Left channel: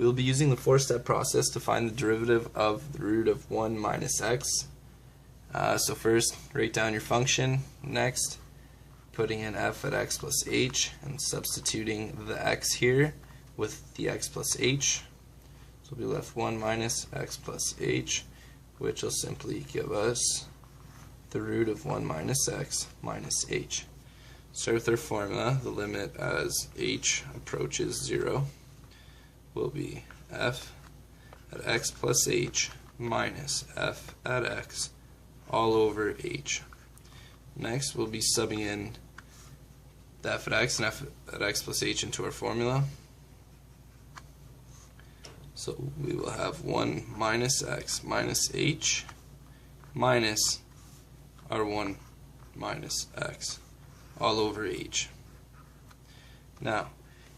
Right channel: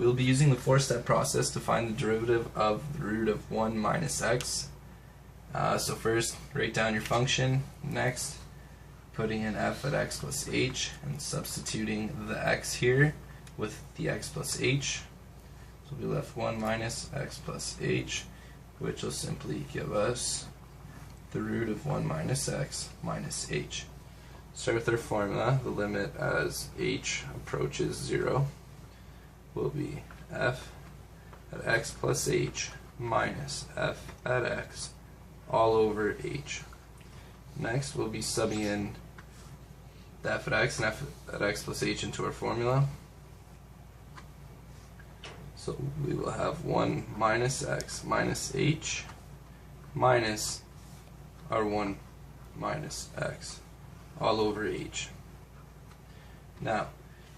we'll be using the four-step process to find the derivative of the root of 1 minus x. So first, write down your function. Next, putting in f at x plus h and substituting the x here with the x plus h. So we'll be left 1 minus x plus h, which will simply give us the root of 1 minus x minus h. Start with our formula. The limit as h approaches 0 will be f at x plus h minus f at x all over h. Next, we'll be subbing in the f at x and f at x plus h into our formula. So we will have 1 minus x minus h minus our 1 minus x all over h. Now,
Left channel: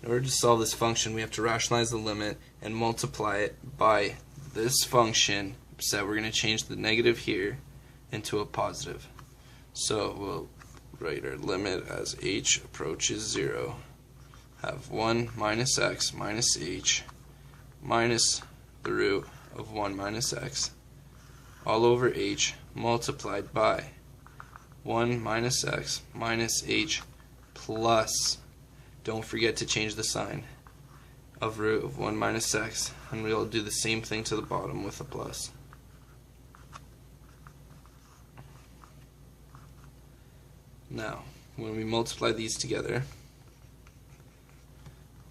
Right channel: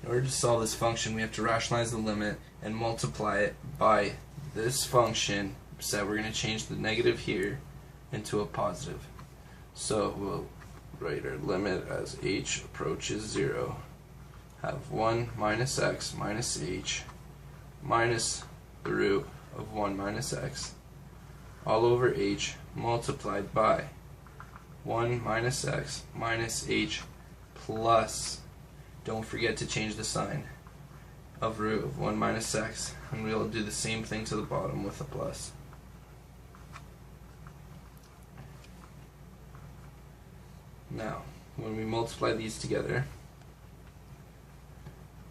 in order to solve this function, we have to rationalize the limit and multiply it by this function, so we're going to change the negative here into a positive. So we'll write our limit as h approaches 0, have 1 minus x minus h minus the root of 1 minus x all over h multiplied by 1 minus x minus h plus, don't forget to change the sign, of root of 1 minus x, and we'll do the same thing to the bottom with a plus. Now, when we multiply these together,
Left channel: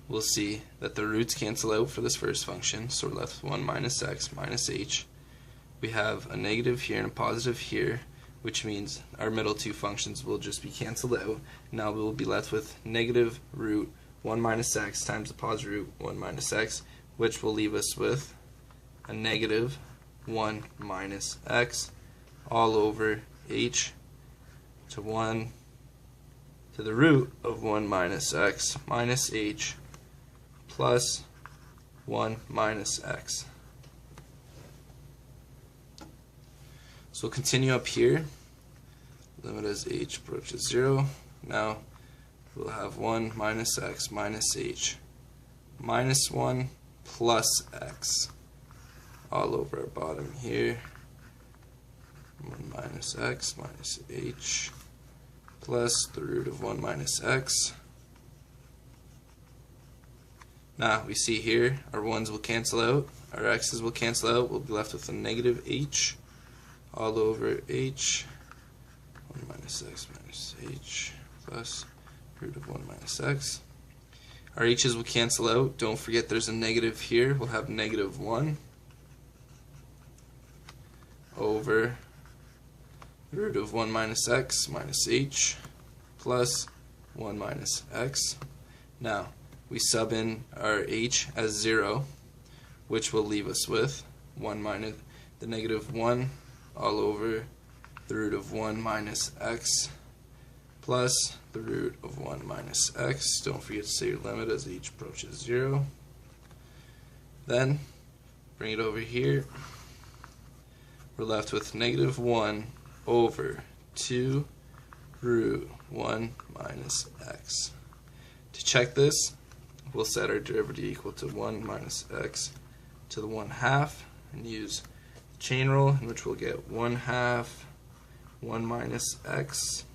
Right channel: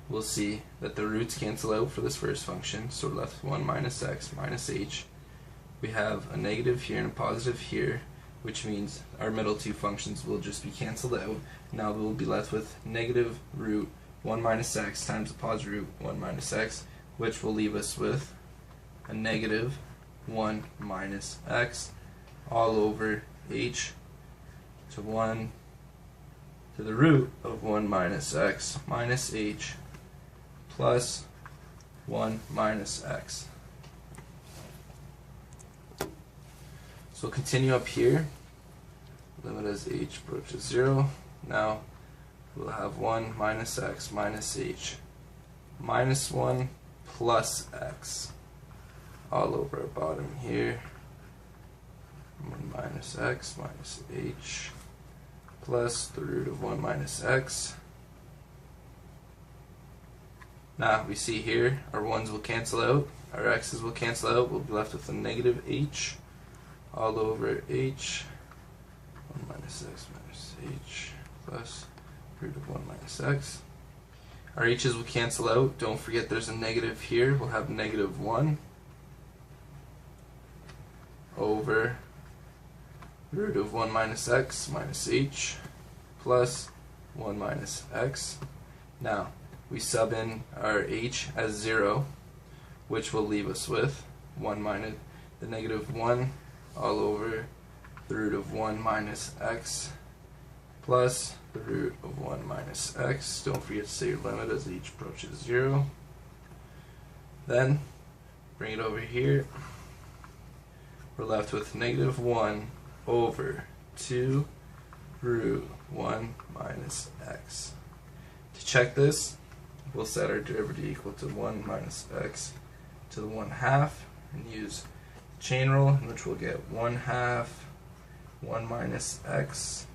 we'll see that the roots cancel out for this first function, so we're left with 1 minus x minus h. We have a negative here and a positive here, which means our middle two functions will just be canceled out. Now we will be left with negative root 1 minus x times the positive root 1 minus x, which will leave us with a negative 1 minus x all over h to the root of 1 minus x minus h plus 1 minus x. So we'll continue up here. Limit as h approaches 0. Now we'll have 1 minus x minus h minus 1 plus x all over our bottom here. 1 minus x minus h plus the root of 1 minus x. Now we see here our 1's will cancel out, our x's will cancel out, we'll be left with a negative h all over h, 1 minus x minus h plus root of 1 minus x. Our h's will cancel out, don't forget there's a negative here, we'll have negative 1 over root of 1 minus x minus h plus 1 minus x. Now we sub in our h as 0, which will leave us with 1 minus the negative 1 all over the root of 1 minus x plus the root of 1 minus x. Don't forget to say your limit as h approaches 0. Then bring it over here. We're left with negative 1 over 2 root 1 minus x. To check this, we'll set our derivative equal to 1 minus x to the 1/2 and use the chain rule, in which we'll get 1/2 1 minus x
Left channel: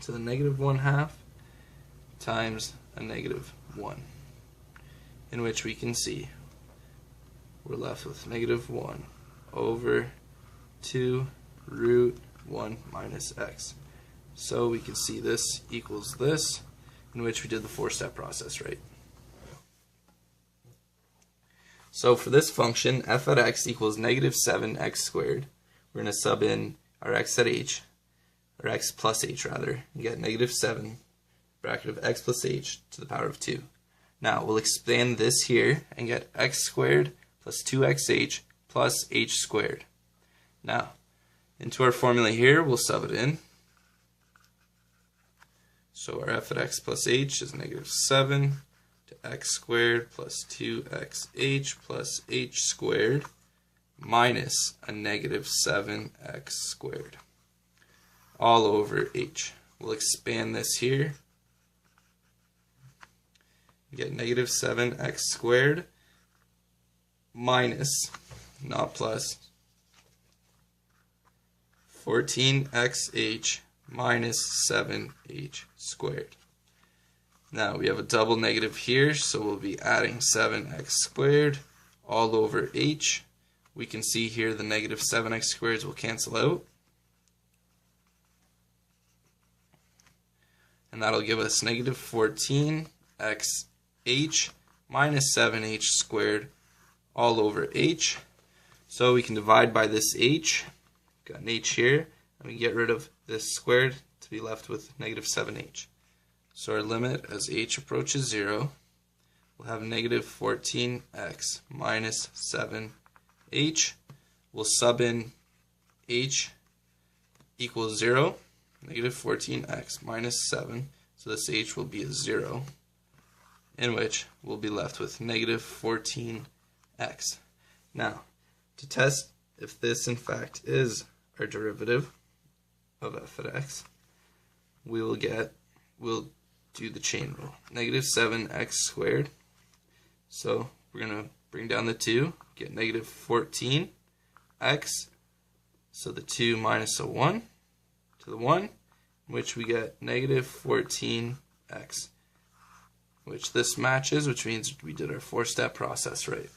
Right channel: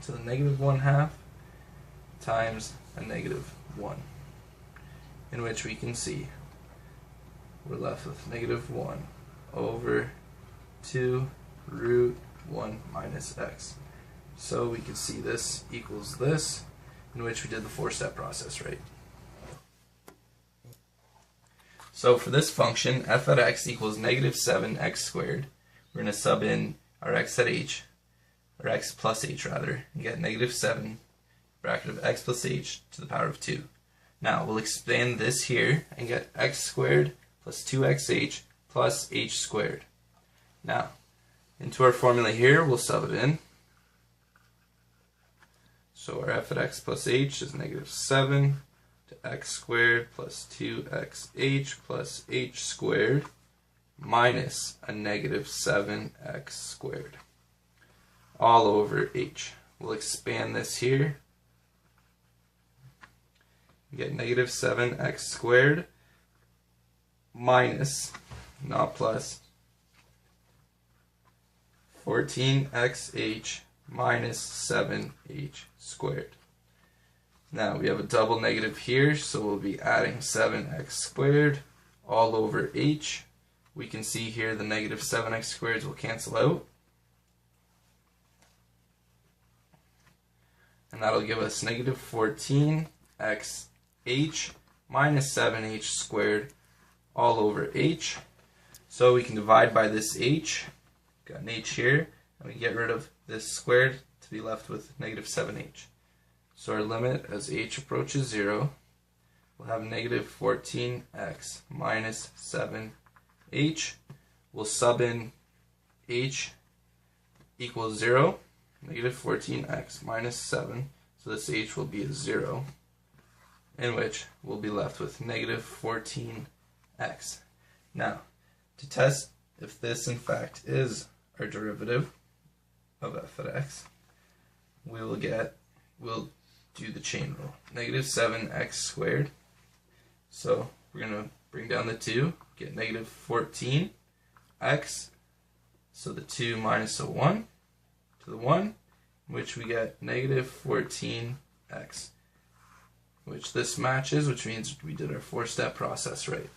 to the negative 1/2 times a negative 1, in which we can see we're left with negative 1 over 2 root 1 minus x. So we can see this equals this, in which we did the four-step process right. So for this function, f at x equals negative 7x squared. We're going to sub in our x at h, or x plus h rather, and get negative 7 bracket of x plus h to the power of 2. Now we'll expand this here and get x squared plus 2xh plus h squared. Now into our formula here, we'll sub it in. So our f at x plus h is negative 7 to x squared plus 2xh plus h squared minus a negative 7x squared all over h. We'll expand this here. We get negative 7x squared minus, not plus, 14xh minus 7h squared. Now we have a double negative here, so we'll be adding 7x squared all over h. We can see here the negative 7x squareds will cancel out. And that'll give us negative 14xh minus 7h squared all over h. So we can divide by this h. Got an h here, and we get rid of this squared to be left with negative 7h. So our limit as h approaches 0, we'll have negative 14x minus 7h. We'll sub in h equals 0, negative 14x minus 7, so this h will be a 0, in which we'll be left with negative 14x. Now, to test if this in fact is our derivative of f at x, we'll do the chain rule. Negative 7x squared. So we're going to bring down the 2, get negative 14x. So the 2 minus a 1 to the 1, which we get negative 14x, which this matches, which means we did our 4-step process right.